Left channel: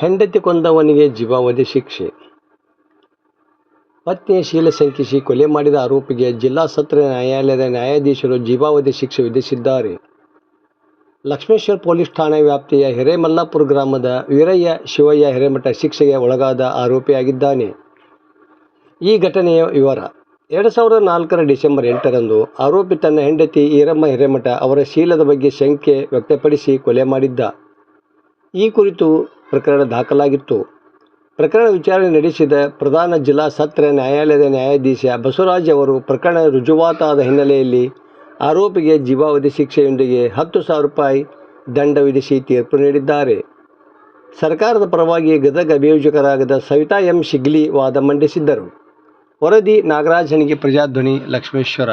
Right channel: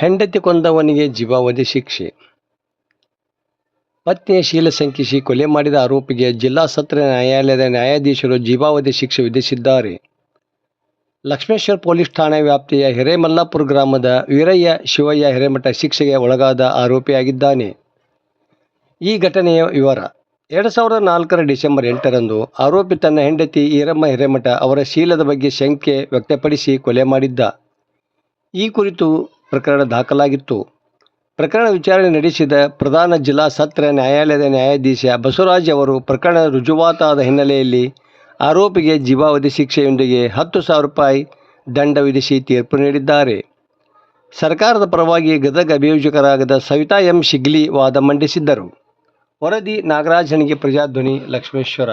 ಹೆಂಡತಿ ಕೊಂದವನಿಗೆ ಜೀವಾವಧಿ ಶಿಕ್ಷೆ. ಪತ್ನಿಯ ಶೀಲ ಶಂಕಿಸಿ ಕೊಲೆ ಮಾಡಿದ ಆರೋಪಿಗೆ ಜಿಲ್ಲಾ ಸತ್ರ ನ್ಯಾಯಾಲಯದ ನ್ಯಾಯಾಧೀಶರು ಜೀವಾವಧಿ ಶಿಕ್ಷೆ ವಿಧಿಸಿದ್ದಾರೆ. ಲಕ್ಷ್ಮೇಶ್ವರ ಪೊಲೀಸ್ ಠಾಣೆ ವ್ಯಾಪ್ತಿಯ ಹಿರೇಮಲ್ಲಾಪುರ ಗ್ರಾಮದ ವೀರಯ್ಯ ಶಿವಯ್ಯ ಹಿರೇಮಠ ಶಿಕ್ಷೆಗೆ ಒಳಗಾದ ಆರೋಪಿಯಾಗಿದ್ದಾನೆ. ಈ ಘಟನೆಯ ವಿವರ. ಎರಡು ಸಾವಿರದ ನಾಲ್ಕರ ಡಿಸೆಂಬರ್ ಎಂಟರಂದು ಆರೋಪಿ ತನ್ನ ಹೆಂಡತಿ ಈರಮ್ಮ ಹಿರೇಮಠ ಅವರ ಶೀಲದ ಬಗ್ಗೆ ಶಂಕೆ ವ್ಯಕ್ತಪಡಿಸಿ ಕೊಲೆ ಮಾಡಿದ್ದ. ಈ ಕುರಿತು ಪ್ರಕರಣ ದಾಖಲಾಗಿತ್ತು. ಪ್ರಕರಣ ವಿಚಾರಣೆ ನಡೆಸಿದ ಪ್ರಧಾನ ಜಿಲ್ಲಾ ಸತ್ರ ನ್ಯಾಯಾಲಯದ ನ್ಯಾಯಾಧೀಶ ಬಸವರಾಜ್ ಅವರು ಪ್ರಕರಣ ರುಜುವಾತಾದ ಹಿನ್ನೆಲೆಯಲ್ಲಿ ಆರೋಪಿಗೆ ಜೀವಾವಧಿ ಶಿಕ್ಷೆಯೊಂದಿಗೆ ಹತ್ತು ಸಾವಿರ ರೂಪಾಯಿ ದಂಡ ವಿಧಿಸಿ ತೀರ್ಪು ನೀಡಿದ್ದಾರೆ. ಸರ್ಕಾರದ ಪರವಾಗಿ ಗದಗ ಅಭಿಯೋಜಕರಾಗದ ಸವಿತಾ ಎಂ ಶಿಗ್ಲಿ ವಾದ ಮಂಡಿಸಿದ್ದರು. ವರದಿ ನಾಗರಾಜನಿಗೆ ಪ್ರಜಾಧ್ವನಿ ಲಕ್ಷ್ಮೇಶ್ವರ.